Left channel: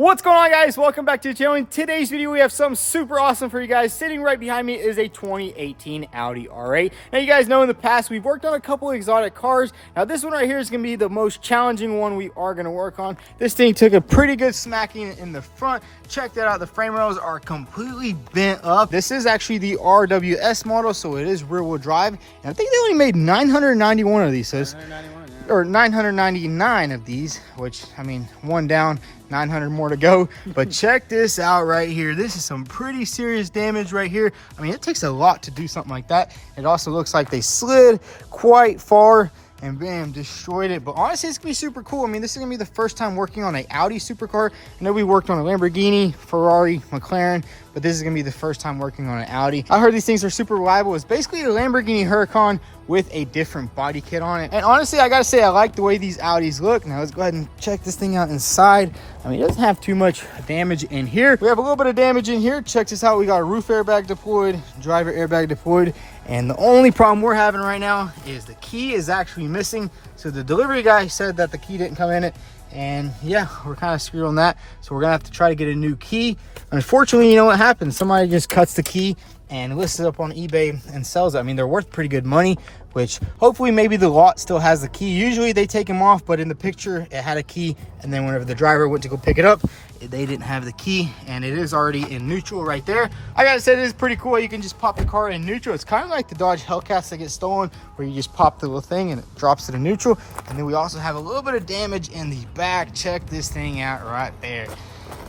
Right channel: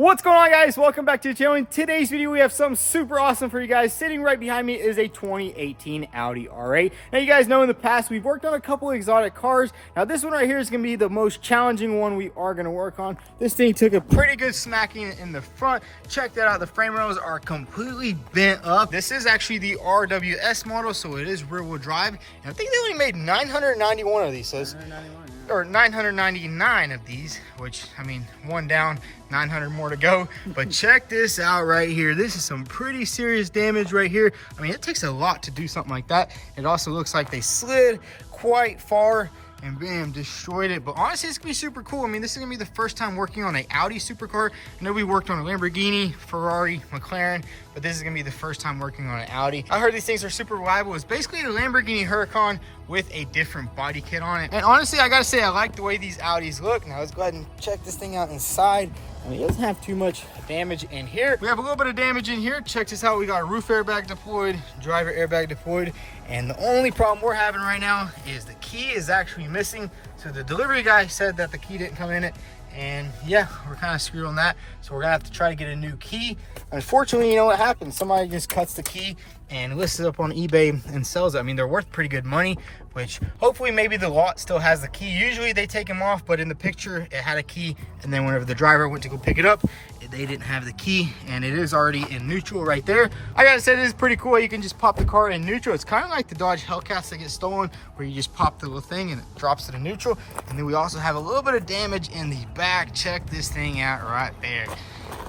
What's going on, guys? Welcome back to the channel. In today's video, we have something super awesome for you guys. Sitting right behind me is a 2018 Audi R8. Now, you guys know in the past, we've worked on a couple exotic cars. Now, this one right here is going to be the most challenging one we are going to work on. This thing took a pretty good smacking in the front. Check that out. The frame rails are completely bent up. This is actually the RWS model, so it is rear-wheel drive. And I think they only made 991 of these. So 991, yeah. Or 999 of these, which, I mean, one down, 900 more to go. But check this out right here. This is some pretty serious damage right here. I mean, it takes a lot to do something like that. It also looks like they slid quite far and bam, destroyed it. But honestly, it's gonna be super cool. I mean, this is gonna be the first time working on an Audi supercar. I know we worked on a Lamborghini, Ferrari, McLaren, but this is gonna be the first time working on an Audi. I heard these things are super reliable. It's basically a Lamborghini Huracan with a different body kit on it. And honestly, I gotta say, I like the way these Audis look. Now let's go ahead and check this thing out inside. I mean, it doesn't have too much damage in here. We have a little bit of damage in here. Check this out. We got a roof airbag deployed, driver airbag deployed. And the only problem we're having right now is the key is actually missing. So the delivery guy said that the key didn't come in it. And yeah, we're kind of screwed on that. So we're gonna have to try to get a new key. Unfortunately, you know what happens? Somebody just cuts the key and lists it up on eBay and sells it. I mean, they're worth pretty good money, which hopefully maybe the lot still has the key. Usually they take them off, but in the picture it had a key. And then whenever the driver went to go pick it up, they didn't have the key, and it is already in neutral right there. I gotta say, this is pretty cool. You can just pop the car in neutral. It's kind of like the Dodge Hellcats that get stolen, where you just pop the little thing and it drops it in neutral. And then we also have a little bit of damage in the back. Check this thing out right there.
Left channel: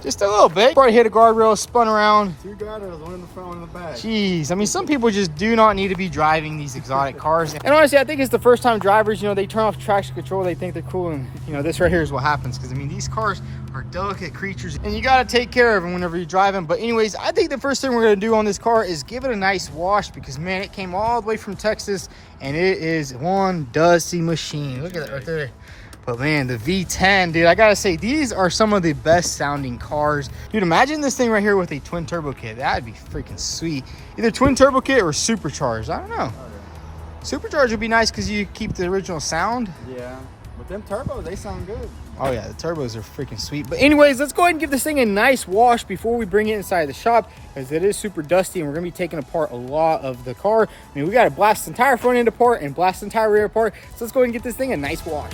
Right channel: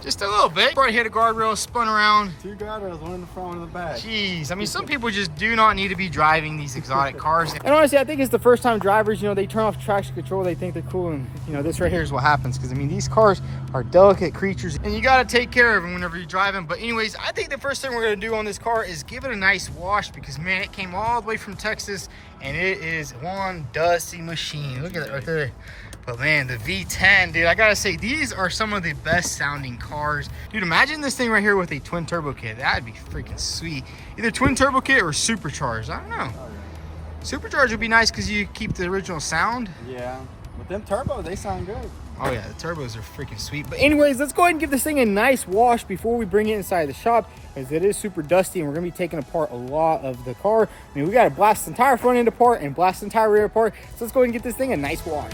Just a little bit. Probably hit a guardrail, spun around. Two guardrails, one in the front, one in the back. Jeez, I mean, some people just do not need to be driving these exotic cars. And honestly, I think it's the first time drivers, you know, they turn off traction control, they think they're cool, and you know, this right here is what happens. Because I mean, these cars are delicate creatures, and you got to take care of them whenever you drive them. But anyways, I think the first thing we're going to do on this car is give it a nice wash, because man, it came all the way from Texas, and it is one dusty machine. Look at that right there. But man, the V10, dude, I gotta say, these are some of the best sounding cars. Dude, imagine this thing right here with a twin turbo kit. That'd be freaking sweet. Either twin turbo kit or supercharged. I don't know. Supercharged would be nice because you keep the original sound. Yeah, but them turbos, they sound good. Oh yeah, the turbos are freaking sweet. But anyways, let's go ahead and give this thing a nice wash before we bring it inside the shop, because it is super dusty and we're gonna be taking apart a lot of the car. I mean, we gotta blast the entire front end apart and blast the entire rear apart. So let's go ahead and get this thing a nice wash.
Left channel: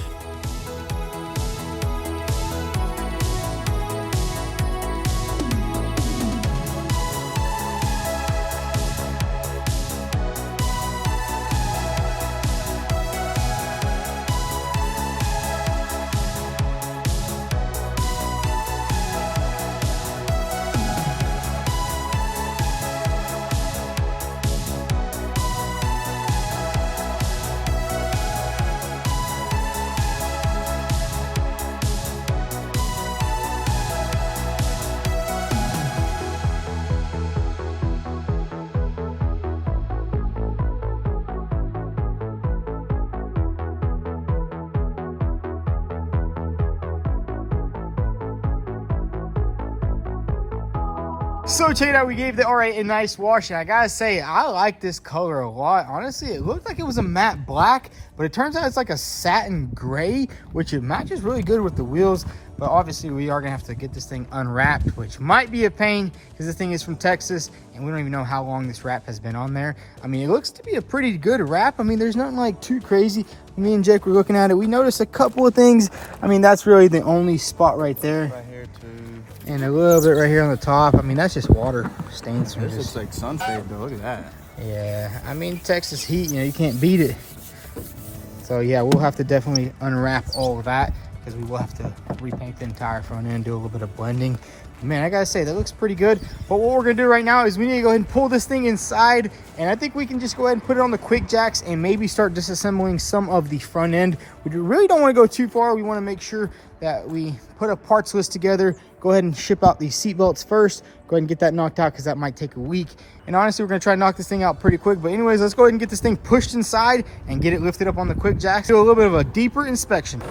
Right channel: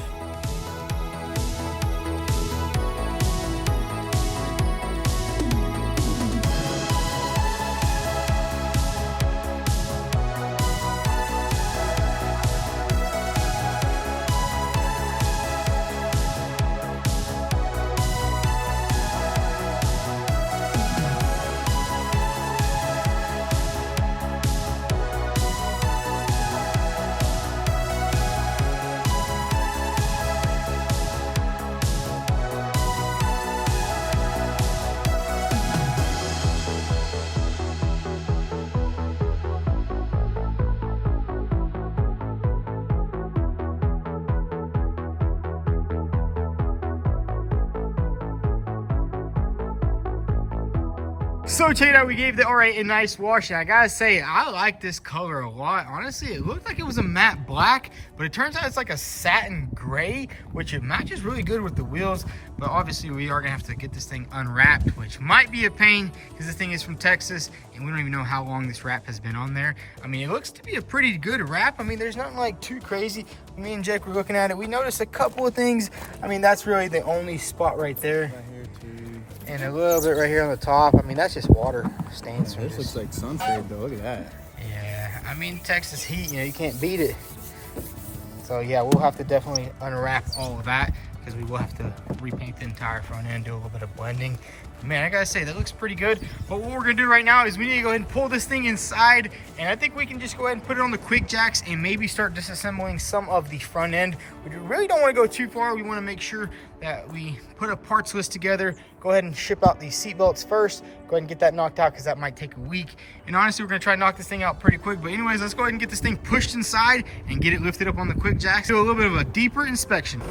So check it out, we gave the R8 a nice wash, and I gotta say, I like this color a lot. Honestly, it looked like it was a matte black, but it turns out it's like a satin gray, which it matches really good with the wheels. But obviously we are gonna have to get this thing unwrapped, which might be a pain because this thing is from Texas and we don't even know how long this wrap has been on there. I mean, it looks to be a pretty good wrap. I mean, there's nothing like too crazy. Me and Jake were looking at it. We noticed a couple of things. I mean, that's really the only spot right there. Right here too. And a little bit right here on the top. I mean, that's just water stains. This looks like sunset though. Look at that. Yeah, I mean, Texas heat, you know, you can't beat it. So yeah, we'll have to definitely unwrap all of that, because we will have to repaint the entire front end, do a little bit of blending. Man, I gotta say, that looks pretty good. But what we're gonna do right now is we need to go ahead and pull this thing inside, and I think we can just go ahead and put it on the quick jacks and maybe start disassembling some of the front end. We really don't want to go too far. We want to make sure that we put a parts list together, go ahead and ship out these seat belts first, go ahead and get that knocked out, because that might take a week. And honestly, we're gonna try to knock this thing out pretty quick. But anyways, let's go ahead and get this thing pushed inside and get it lifted up on the quick jacks. Do a little bit of a deeper inspection.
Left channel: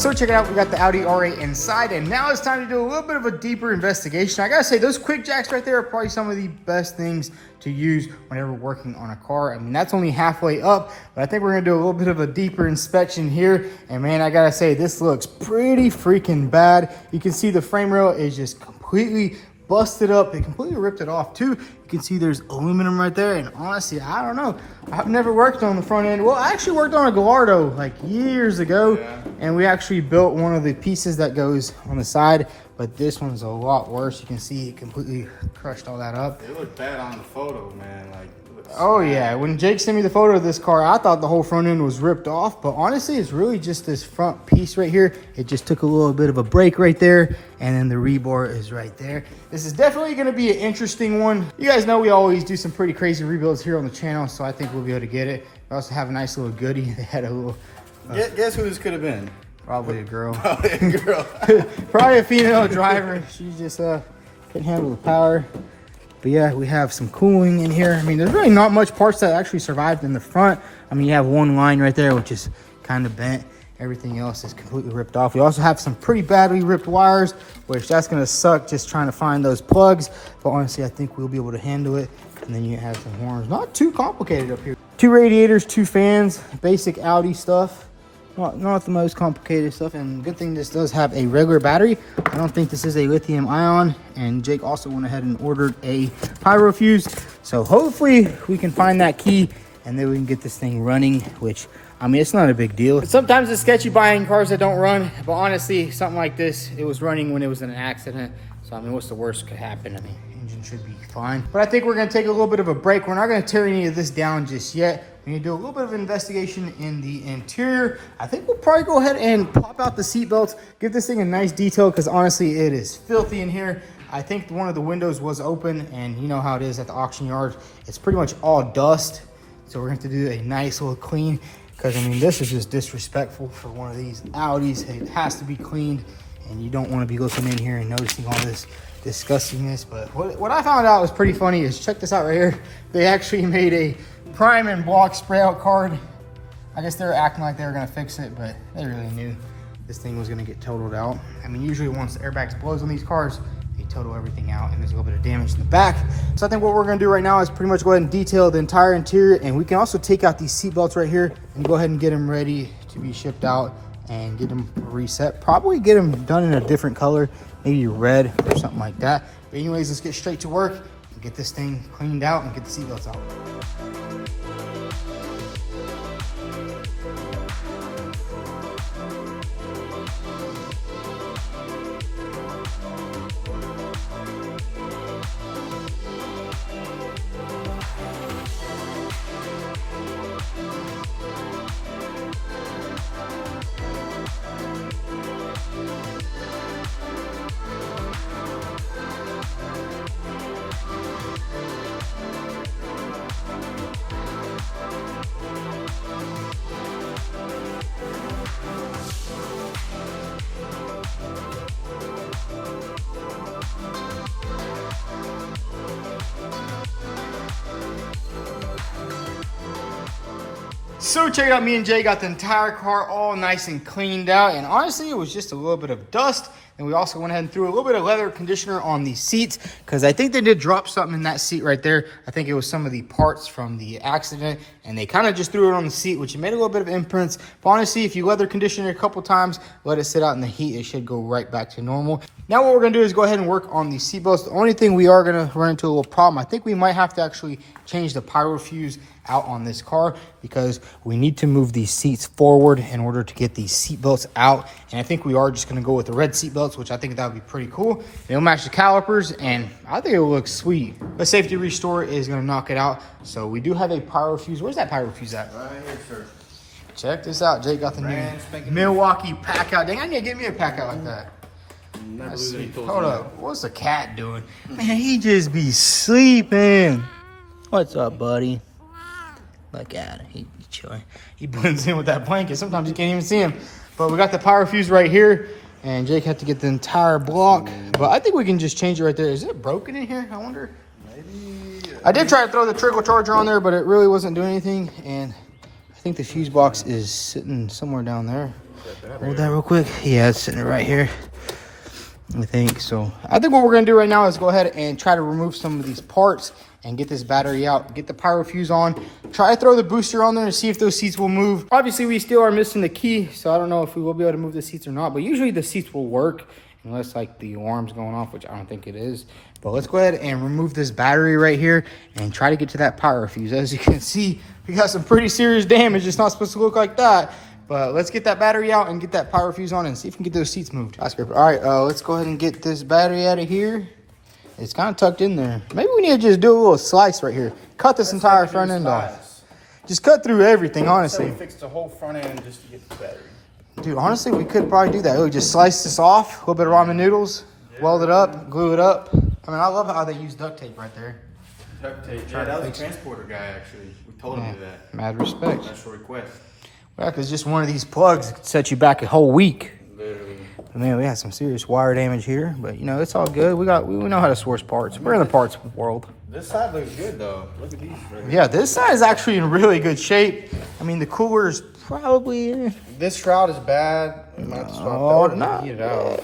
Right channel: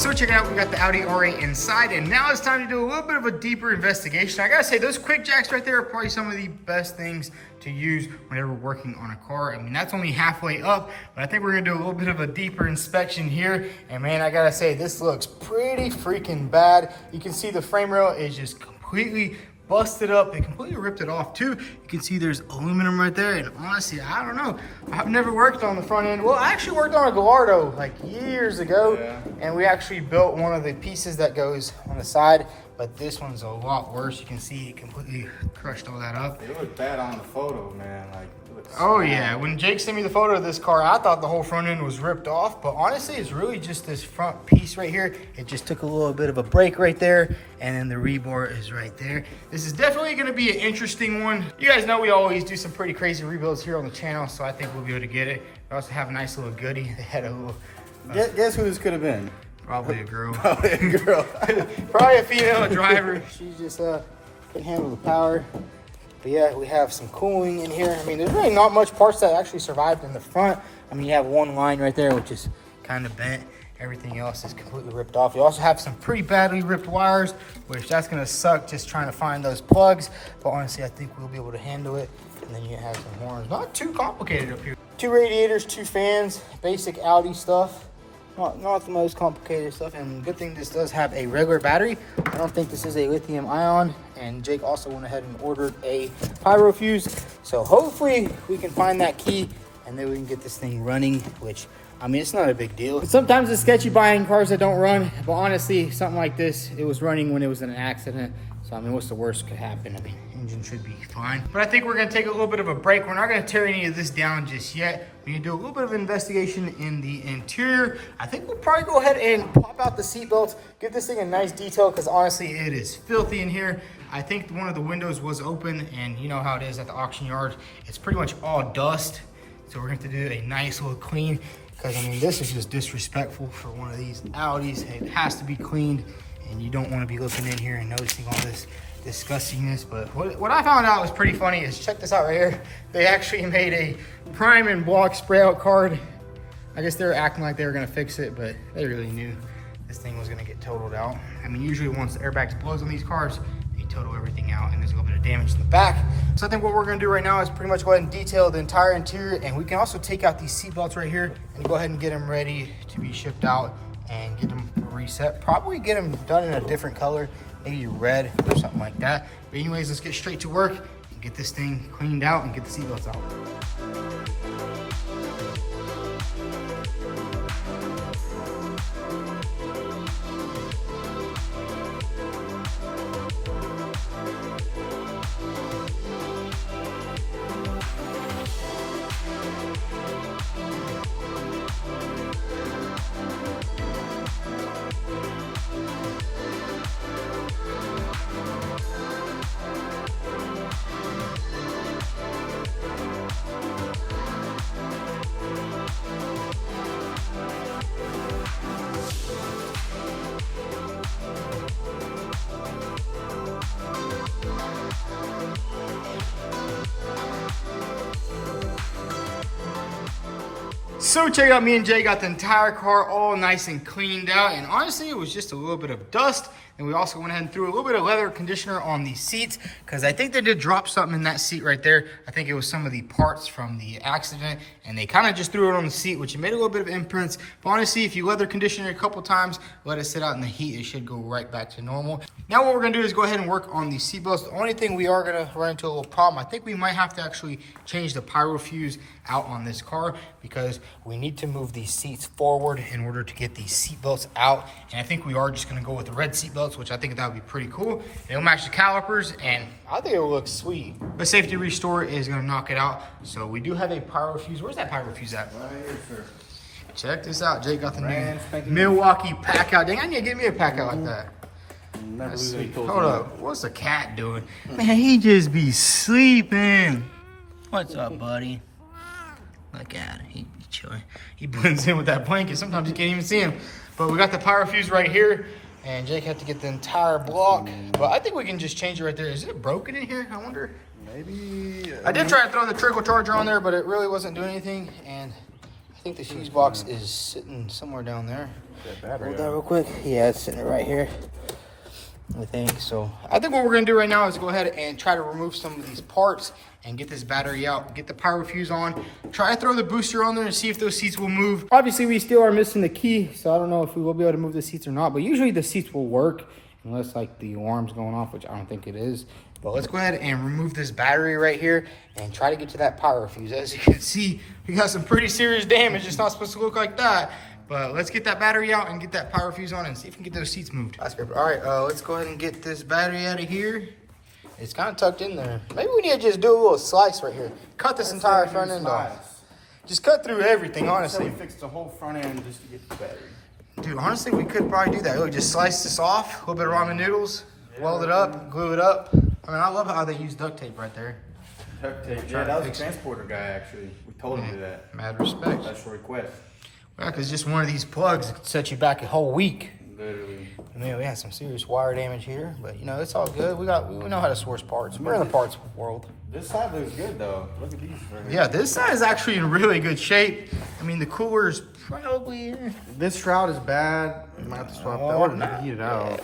So check it out, we got the Audi R8 inside, and now it's time to do a little bit of a deeper investigation. I gotta say, those quick jacks right there are probably some of the best things to use whenever working on a car. I mean, that's only halfway up, but I think we're gonna do a little bit of a deeper inspection here. And man, I gotta say, this looks pretty freaking bad. You can see the frame rail is just completely busted up. They completely ripped it off too. You can see there's aluminum right there, and honestly, I don't know. I've never worked on the front end. Well, I actually worked on a Gallardo like years ago, and we actually built one of the pieces that goes on the side, but this one's a lot worse. You can see it completely crushed all that up. It looked bad on the photo, man. Like, oh yeah, when Jake sent me the photo of this car, I thought the whole front end was ripped off, but honestly, it's really just this front piece right here. It just took a little bit of a break right there, and then the rebar is right there. This is definitely gonna be an interesting one. You guys know we always do some pretty crazy rebuilds here on the channel, so I think we'll be able to get it. We also have a nice little goodie. They had a little... Guess who this could have been? Probably a girl. Probably a girl. Probably a female driver. She just couldn't handle the power. But yeah, we have some cooling in here. I mean, there's really not much parts that actually survived in the front. I mean, you have one line right there, which is kind of bent. Everything else is completely ripped off. You also have some pretty badly ripped wires, which that's gonna suck just trying to find those plugs. But honestly, I think we'll be able to handle it. And then you have some horns. Not too complicated up here. 2 radiators, 2 fans, basic Audi stuff. Not the most complicated stuff, and good thing this does have a regular battery. I don't think this is a lithium ion, and Jake also went ahead and ordered a pyro fuse. So hopefully we can find that key, and then we can get this thing running, which, I mean, it's not a big deal. Sometimes it's sketchy buying cars that don't run, but honestly, something like this, it was running when it was in an accident. So, I mean, what's the worst could happen? I mean, engine should be fine. But I think we're gonna take a little bit of a break. We're not gonna tear any of this down just yet. We're gonna do a little bit of investigation in the interior. I think we'll probably go ahead and pop out the seat belts, give this thing a nice detail, because honestly, it is filthy in here. I think one of the windows was open, and you know how it is at the auction yard. It's pretty much all dust. So we're gonna have to do a nice little clean, because I mean, this is just disrespectful for one of these Audis. It has to be cleaned, and you don't want to be looking in here and noticing all this disgustingness. But what I found out was pretty funny is, check this out right here. They actually made a prime and block spray out card. I guess they're acting like they were gonna fix it, but they really knew this thing was gonna get totaled out. I mean, usually once the airbags blows on these cars, they total everything out, and there's a little bit of damage to the back. So I think what we're gonna do right now is pretty much go ahead and detail the entire interior, and we can also take out these seat belts right here and go ahead and get them ready to be shipped out and get them reset. Probably get them done in a different color, maybe red or something like that. But anyways, let's get straight to work and get this thing cleaned out and get the seat belts out. So check it out, me and Jay got the entire car all nice and cleaned out, and honestly, it was just a little bit of dust. And we also went ahead and threw a little bit of leather conditioner on the seats, because I think they did drop something in that seat right there. I think it was some of the parts from the accident, and they kind of just threw it on the seat, which made a little bit of imprints. But honestly, if you leather condition it a couple times, let it sit out in the heat, it should go right back to normal. Now what we're gonna do is go ahead and work on the seat belts. The only thing we are gonna run into a little problem, I think we might have to actually change the pyro fuse out on this car, because we need to move these seats forward in order to get these seat belts out. And I think we are just gonna go with the red seat belts, which I think that would be pretty cool. They'll match the calipers, and I think it looks sweet. But Safety Restore is gonna knock it out. So we do have a pyro fuse. Where's that pyro fuse at? Right here, sir. Check this out. Jake got the new Milwaukee pack out. Dang, I need to get me a pack out like that. Let's see. Hold up. What's the cat doing? Man, he just be sleeping. What's up, buddy? Look at him. He be chilling. He blends in with that blanket. Sometimes you can't even see him. But we got the pyro fuse right here, and Jake had to get the entire block. But I think we can just change it right there. Is it broken in here? I wonder. Maybe. I did try to throw the trickle charger on there, but it really wasn't doing anything. And I think the fuse box is sitting somewhere down there. Hold that real quick. Yeah, it's sitting right here. I think so. I think what we're gonna do right now is go ahead and try to remove some of these parts and get this battery out, get the power fuse on, try to throw the booster on there and see if those seats will move. Obviously, we still are missing the key, so I don't know if we will be able to move the seats or not, but usually the seats will work unless like the alarm's going off, which I don't think it is. But let's go ahead and remove this battery right here and try to get to that power fuse. As you can see, we got some pretty serious damage. It's not supposed to look like that. But let's get that battery out and get that power fuse on and see if we can get those seats moved. All right, let's go ahead and get this battery out of here. It's kind of tucked in there. Maybe we need to just do a little slice right here. Cut this entire front end off. Just cut through everything, honestly. So we fixed the whole front end just to get the battery. Dude, honestly, we could probably do that. We just slice this off, a little bit of ramen noodles, weld it up, glue it up. I mean, I love how they use duct tape right there. Duct tape. Yeah, that was a transporter guy, actually. We told him to do that. Mad respect. Special request. Yeah, because just one of these plugs could set you back a whole week. Literally. But man, we had some serious wire damage here, but you know, it's all good. We know how to source parts. We're in the parts world. This side looks good though. Look at these right here. Yeah, this side is actually in really good shape. I mean, the cooler is probably... This shroud is bad. We might have to swap that or nah. heat it out.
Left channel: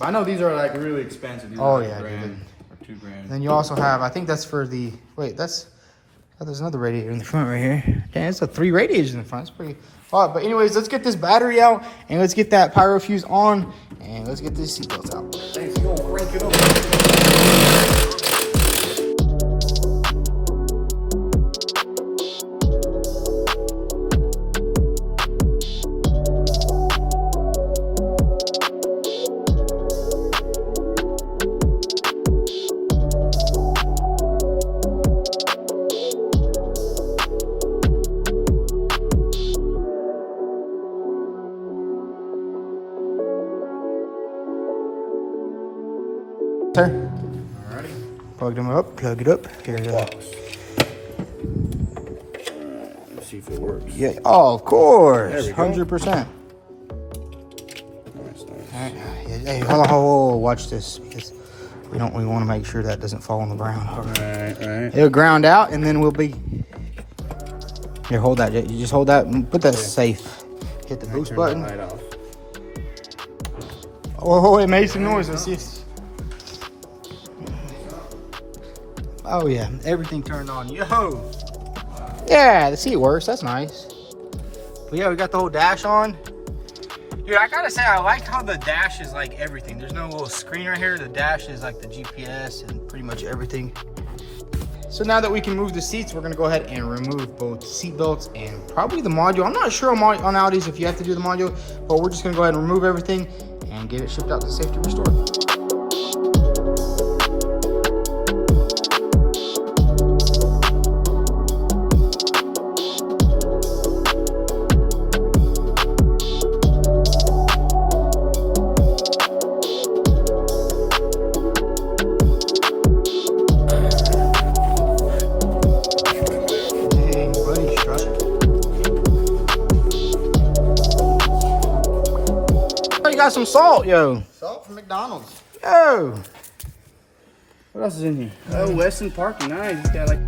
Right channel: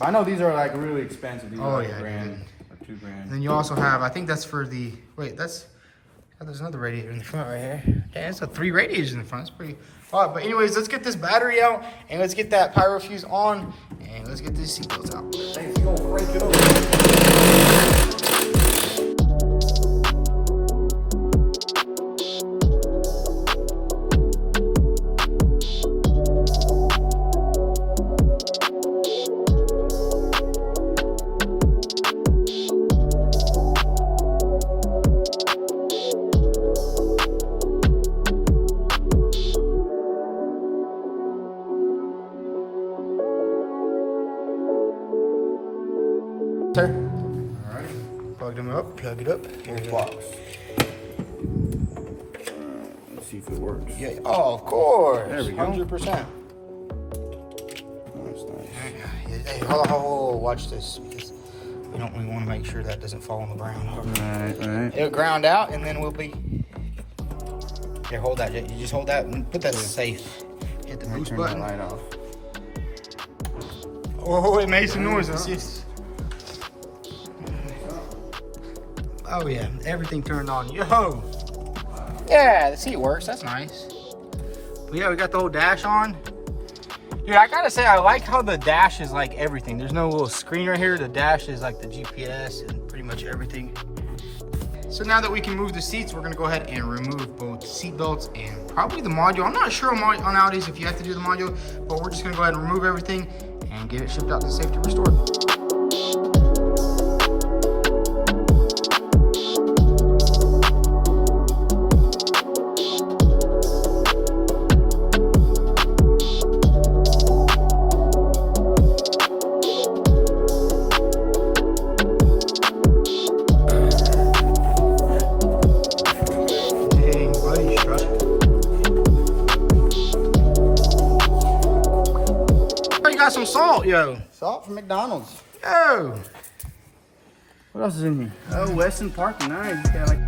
I know these are like really expensive. These are like yeah, $1,000 or $2,000. Then you also have, I think that's for the, wait, that's, oh, there's another radiator in the front right here. Yeah, it's 3 radiators in the front. It's pretty hot. But anyways, let's get this battery out and let's get that power fuse on and let's get these seatbelts out. Thanks, you gonna crank it up. Alrighty. Plug them up, plug it up. Here it Box. Let's see if it works. Yeah, oh, of course. There we go. 100%. Nice. All right. Hey, hold on, watch this because we want to make sure that doesn't fall on the ground. Alright. It'll ground out and then we'll be. Here, hold that. You just hold that and put that safe. Hit the boost button. Light off. Oh, it made some noise. Let's see. Oh yeah, everything turned on. Yo. Yeah, the seat works. That's nice. But yeah, we got the whole dash on. Dude, I gotta say, I like how the dash is like everything. There's no little screen right here. The dash is like the GPS and pretty much everything. So now that we can move the seats, we're gonna go ahead and remove both seat belts and probably the module. I'm not sure on Audis if you have to do the module, but we're just gonna go ahead and remove everything and get it shipped out to safety restored. Got some salt, yo. Salt from McDonald's. Yo. What else is in here? Oh, Weston Parking. Nice. He's got like.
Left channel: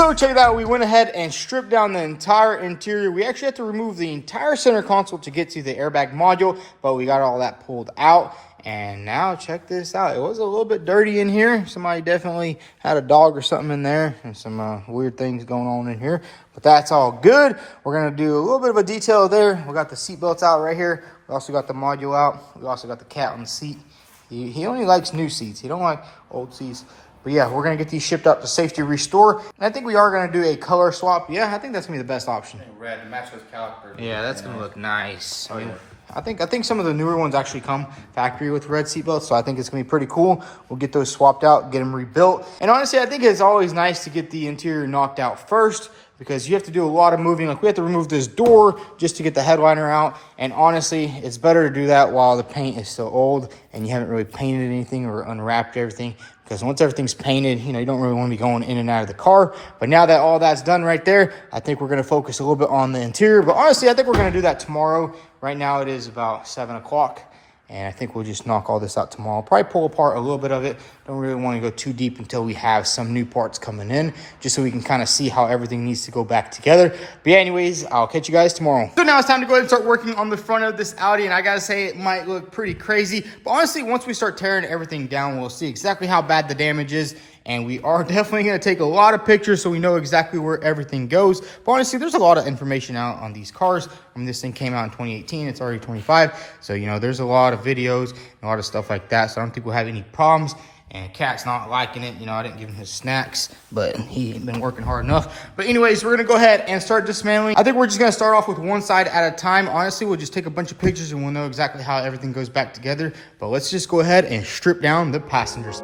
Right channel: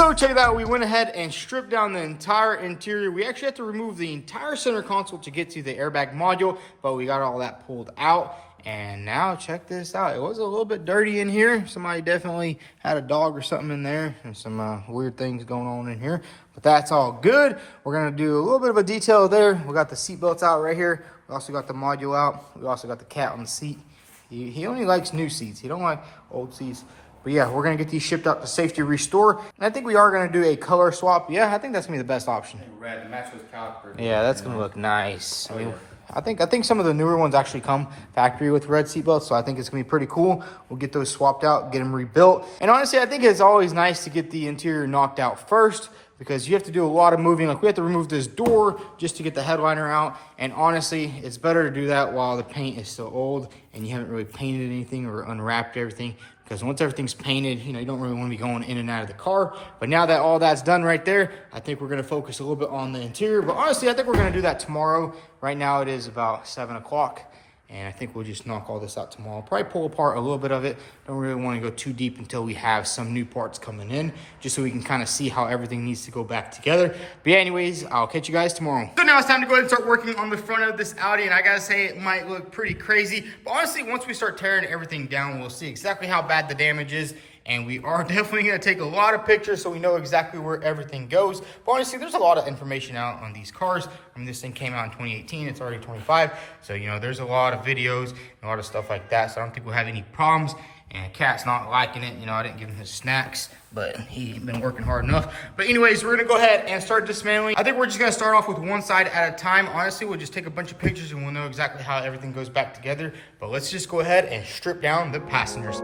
So check it out, we went ahead and stripped down the entire interior. We actually had to remove the entire center console to get to the airbag module, but we got all that pulled out. And now check this out. It was a little bit dirty in here. Somebody definitely had a dog or something in there and some weird things going on in here, but that's all good. We're gonna do a little bit of a detail there. We got the seat belts out right here. We also got the module out. We also got the cat on the seat. He only likes new seats. He don't like old seats. But yeah, we're going to get these shipped out to Safety Restore. And I think we are going to do a color swap. Yeah, I think that's going to be the best option. Red, match those calipers. Yeah, that's going to look nice. I mean, I think some of the newer ones actually come factory with red seatbelts, so I think it's going to be pretty cool. We'll get those swapped out, get them rebuilt. And honestly, I think it's always nice to get the interior knocked out first, because you have to do a lot of moving. Like, we have to remove this door just to get the headliner out. And honestly, it's better to do that while the paint is still old and you haven't really painted anything or unwrapped everything. Because once everything's painted, you know, you don't really want to be going in and out of the car. But now that all that's done right there, I think we're going to focus a little bit on the interior. But honestly, I think we're going to do that tomorrow. Right now it is about 7 o'clock. And I think we'll just knock all this out tomorrow. Probably pull apart a little bit of it. Don't really want to go too deep until we have some new parts coming in, just so we can kind of see how everything needs to go back together. But yeah, anyways, I'll catch you guys tomorrow. So now it's time to go ahead and start working on the front of this Audi. And I gotta say, it might look pretty crazy. But honestly, once we start tearing everything down, we'll see exactly how bad the damage is. And we are definitely going to take a lot of pictures so we know exactly where everything goes. But honestly, there's a lot of information out on these cars. I mean, this thing came out in 2018. It's already 25. So, you know, there's a lot of videos and a lot of stuff like that. So I don't think we'll have any problems. And Cat's not liking it. You know, I didn't give him his snacks, but he's been working hard enough. But anyways, we're going to go ahead and start dismantling. I think we're just going to start off with one side at a time. Honestly, we'll just take a bunch of pictures and we'll know exactly how everything goes back together. But let's just go ahead and strip down the passengers.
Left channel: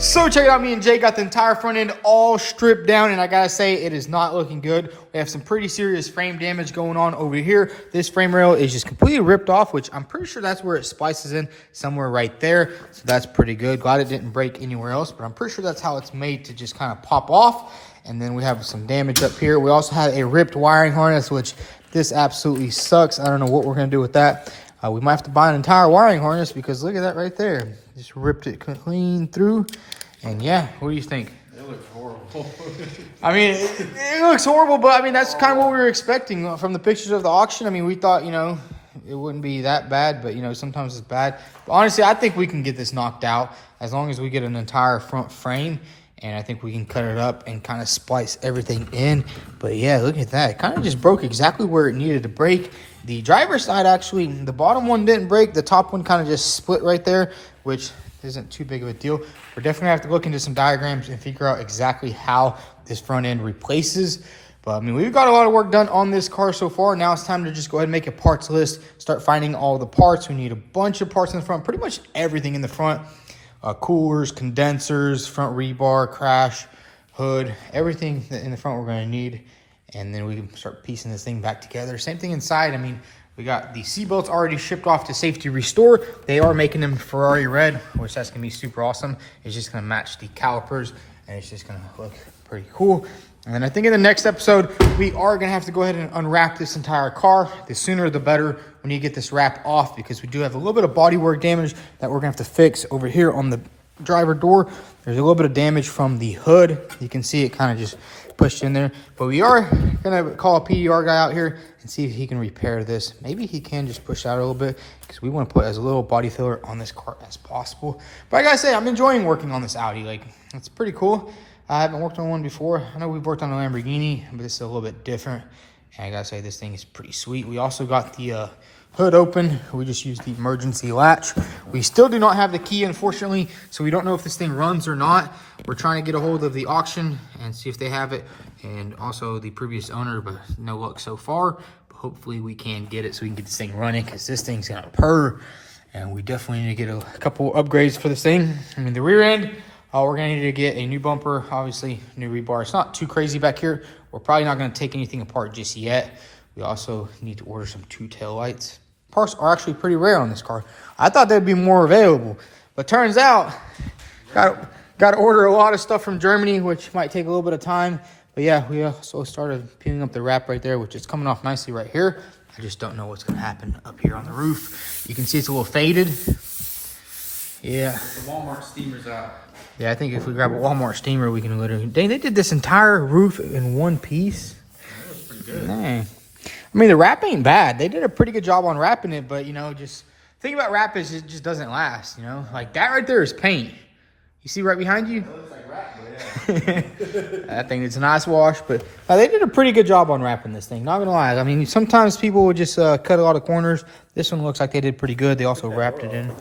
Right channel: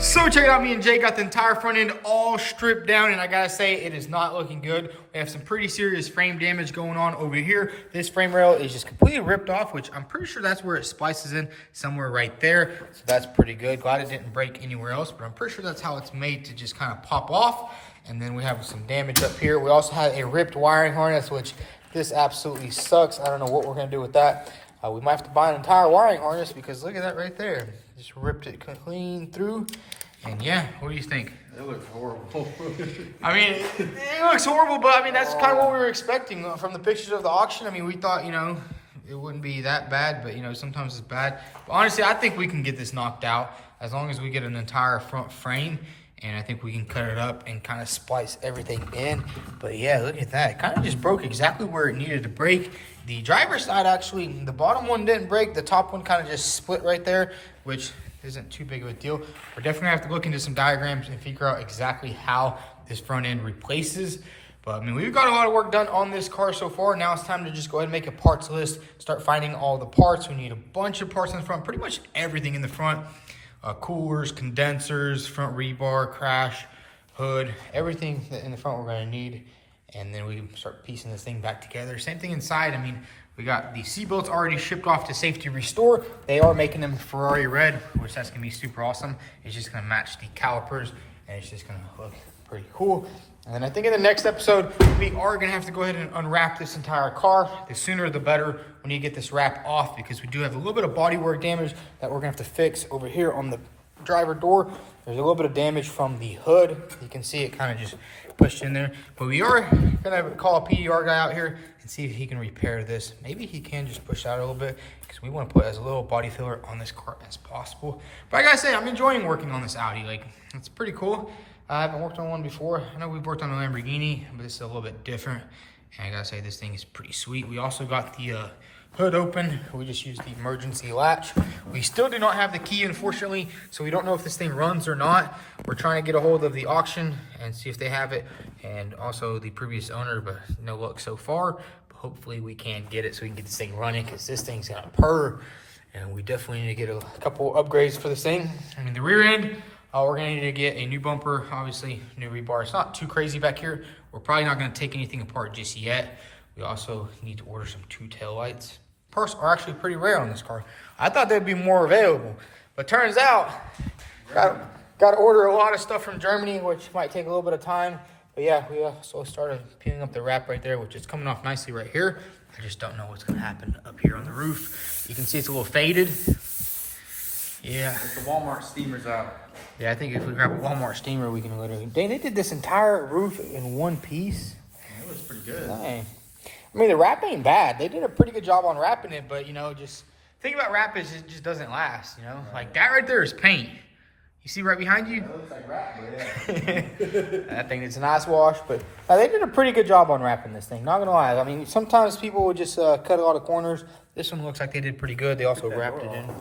So check it out, me and Jay got the entire front end all stripped down, and I gotta say, it is not looking good. We have some pretty serious frame damage going on over here. This frame rail is just completely ripped off, which I'm pretty sure that's where it splices in, somewhere right there. So that's pretty good. Glad it didn't break anywhere else, but I'm pretty sure that's how it's made, to just kind of pop off. And then we have some damage up here. We also have a ripped wiring harness, which this absolutely sucks. I don't know what we're gonna do with that. We might have to buy an entire wiring harness, because look at that right there. Just ripped it clean through. And yeah, what do you think? It looks horrible. I mean, it looks horrible, but I mean, that's kind of what we were expecting from the pictures of the auction. I mean, we thought, you know, it wouldn't be that bad, but you know, sometimes it's bad. But honestly, I think we can get this knocked out as long as we get an entire front frame. And I think we can cut it up and kind of splice everything in. But yeah, look at that. It kind of just broke exactly where it needed to break. The driver's side, actually, the bottom one didn't break. The top one kind of just split right there, which isn't too big of a deal. We're definitely have to look into some diagrams and figure out exactly how this front end replaces. But I mean, we've got a lot of work done on this car so far. Now it's time to just go ahead and make a parts list, start finding all the parts. We need a bunch of parts in the front, pretty much everything in the front. Coolers, condensers, front rebar, crash, hood, everything in the front we're gonna need. And then we can start piecing this thing back together. Same thing inside. I mean, we got the seat belts already shipped off to Safety Restore. They are making them Ferrari red, which that's gonna be super awesome. It's just gonna match the calipers, and it's just gonna look pretty cool. And then I think in the next episode, we are gonna have to go ahead and unwrap this entire car. The sooner the better. We need to get this wrap off, because we do have a little bit of bodywork damage that we're gonna have to fix over here on the driver door. There's a little bit of damage from the hood. You can see it kind of just pushed in there. But we are gonna call a PDR guy out here and see if he can repair this. Maybe he can just push out a little bit, because we want to put as little body filler on this car as possible. But I gotta say, I'm enjoying working on this Audi. Like, it's pretty cool. I haven't worked on one before. I know we've worked on a Lamborghini, but this is a little bit different. And I gotta say, this thing is pretty sweet. We also got the hood open. We just used the emergency latch. We still do not have the key, unfortunately, so we don't know if this thing runs or not. We're trying to get a hold of the auction and see if they have it, and also the previous owner, but no luck so far. But hopefully we can get it so we can get this thing running, because this thing's got a purr, and we definitely need to get a couple upgrades for this thing. I mean, the rear end, we're gonna need to get a new bumper, obviously new rebar. It's not too crazy back here. We're probably not gonna take anything apart just yet. We also need to order some 2 tail lights. Parts are actually pretty rare on this car. I thought they'd be more available, but turns out got to order a lot of stuff from Germany, which might take a little bit of time. But yeah, we also started peeling up the wrap right there, which is coming off nicely right here. I just don't know what's gonna happen up here on the roof. You can see it's a little faded. Yeah. The Walmart steamer's out. Yeah, I think if we grab a Walmart steamer, we can literally... Dang, they did this entire roof in one piece. That looks pretty good. Dang. I mean, the wrap ain't bad. They did a pretty good job on wrapping it, but, you know, just... The thing about wrap is it just doesn't last, you know? Right. Like, that right there is paint. You see right behind you? That looks like wrap, but yeah. I think it's a nice wash, but they did a pretty good job on wrapping this thing. Not gonna lie. I mean, sometimes people will just cut a lot of corners. This one looks like they did pretty good. They also wrapped it in.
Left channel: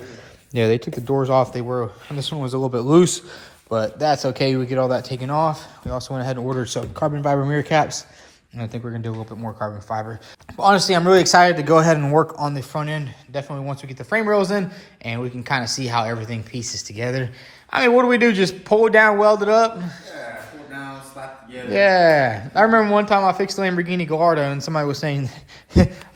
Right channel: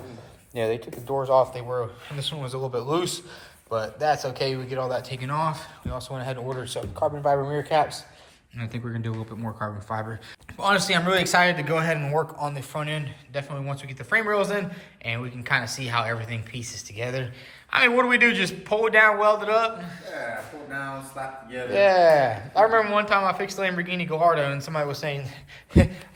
Yeah, they took the doors off. And this one was a little bit loose, but that's okay. We get all that taken off. We also went ahead and ordered some carbon fiber mirror caps, and I think we're gonna do a little bit more carbon fiber. But honestly, I'm really excited to go ahead and work on the front end. Definitely once we get the frame rails in, and we can kind of see how everything pieces together. I mean, what do? Just pull it down, weld it up? Yeah, pull it down, slap it together. Yeah. I remember one time I fixed the Lamborghini Gallardo, and somebody was saying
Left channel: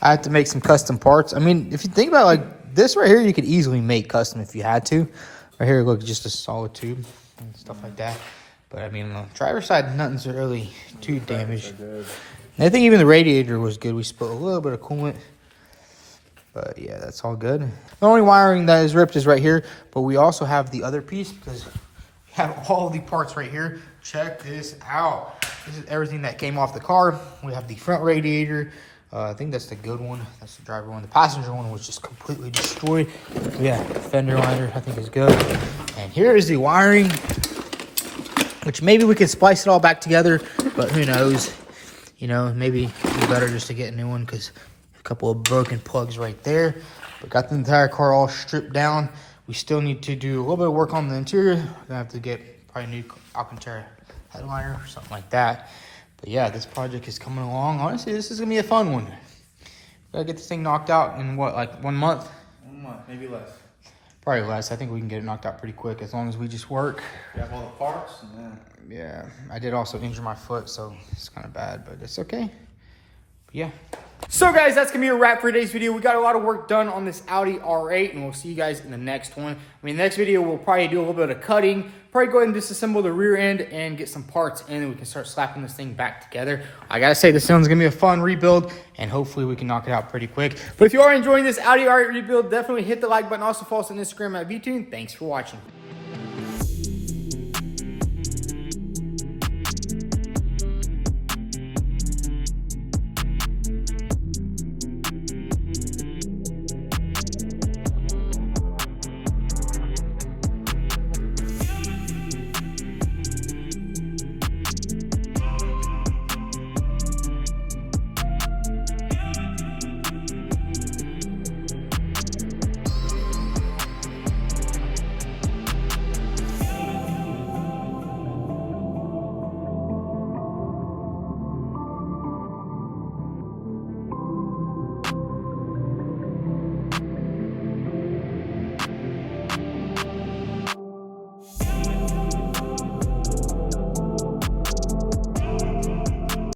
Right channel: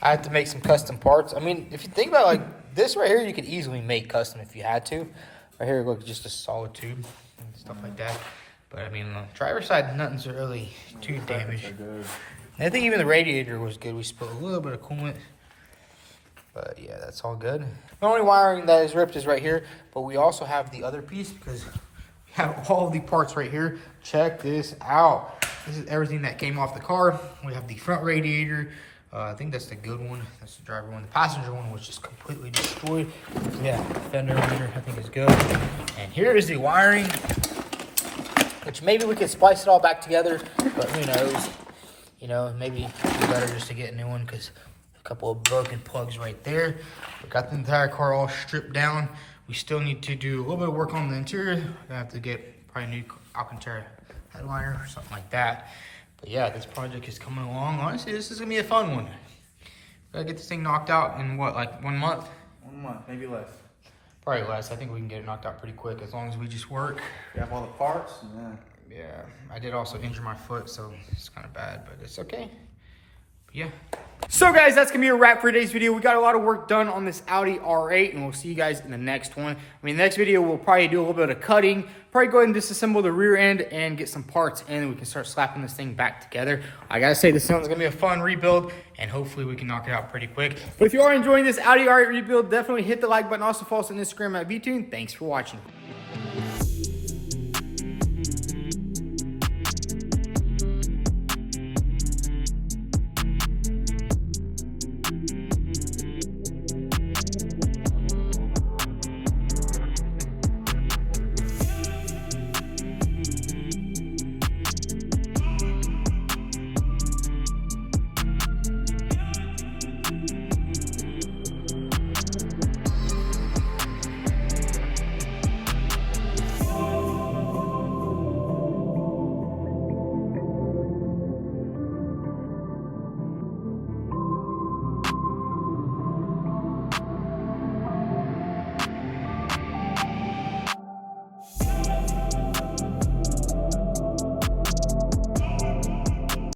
I have to make some custom parts. I mean, if you think about it, like this right here, you could easily make custom if you had to. Right here, look, just a solid tube and stuff like that. But I mean, on the driver's side, nothing's really too damaged. I think even the radiator was good. We spilled a little bit of coolant. But yeah, that's all good. The only wiring that is ripped is right here, but we also have the other piece because we have all the parts right here. Check this out. This is everything that came off the car. We have the front radiator. I think that's the good one. That's the driver one. The passenger one was just completely destroyed. Yeah, fender liner I think is good. And here is the wiring, which maybe we could splice it all back together, but who knows? You know, maybe it's better just to get a new one because couple of broken plugs right there. We got the entire car all stripped down. We still need to do a little bit of work on the interior. We're gonna have to get probably a new Alcantara headliner or something like that. But yeah, this project is coming along. Honestly, this is gonna be a fun one. Gotta get this thing knocked out in what, like 1 month? 1 month, maybe less. Probably less. I think we can get it knocked out pretty quick as long as we just work. You have all the parts? Yeah. I did also injure my foot, so it's kind of bad, but it's okay. Yeah. So guys, that's gonna be a wrap for today's video. We got a lot of work done on this Audi R8, and we'll see you guys in the next one. I mean, the next video we'll probably do a little bit of cutting, probably go ahead and disassemble the rear end and get some parts in, and we can start slapping this thing back together. I gotta say, this one's gonna be a fun rebuild, and hopefully we can knock it out pretty quick. But if you are enjoying this Audi R8 rebuild, definitely hit the like button. Also follow us on Instagram at vTuned. Thanks for watching.